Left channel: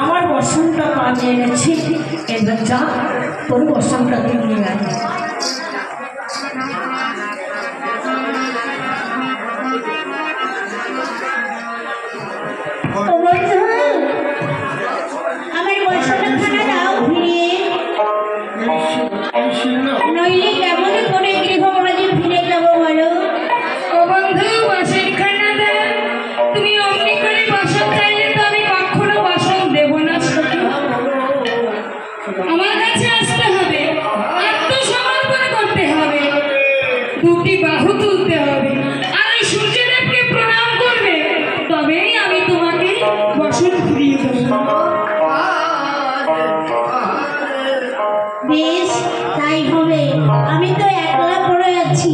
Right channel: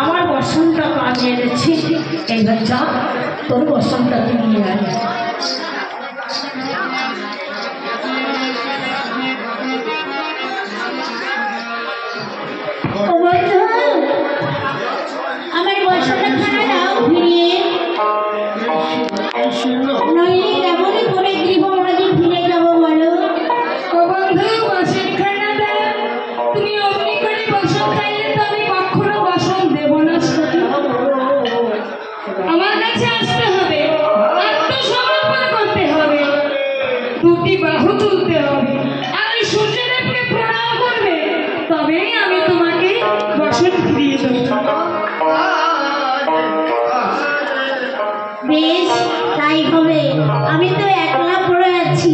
আমার বসনটা কাজে এনেছি, এবার যা তোর বসনটাকে নিয়ে আয়। আমার বসনটা খানা দাও ফিরিয়ে, নইলে কেমন করে গৃহমাঝে ফিরে যাবো বলো। ও বন্ধু, বসের খানা দাও। তুমি অমনি করে বসন চাইলে তো আমি কখনো বসন দেব না। আমার কাছে আসতে হবে, আত্মসমর্পণ করতে হবে, দুটি বাহু তুলতে হবে, আর ওই সূর্যদেবকে প্রণাম করবে, তবেই আমি তোমাকে বসন ফিরিয়ে দেবো। বেশ তাই হবে, আমি তো একলা পড়ে আছি।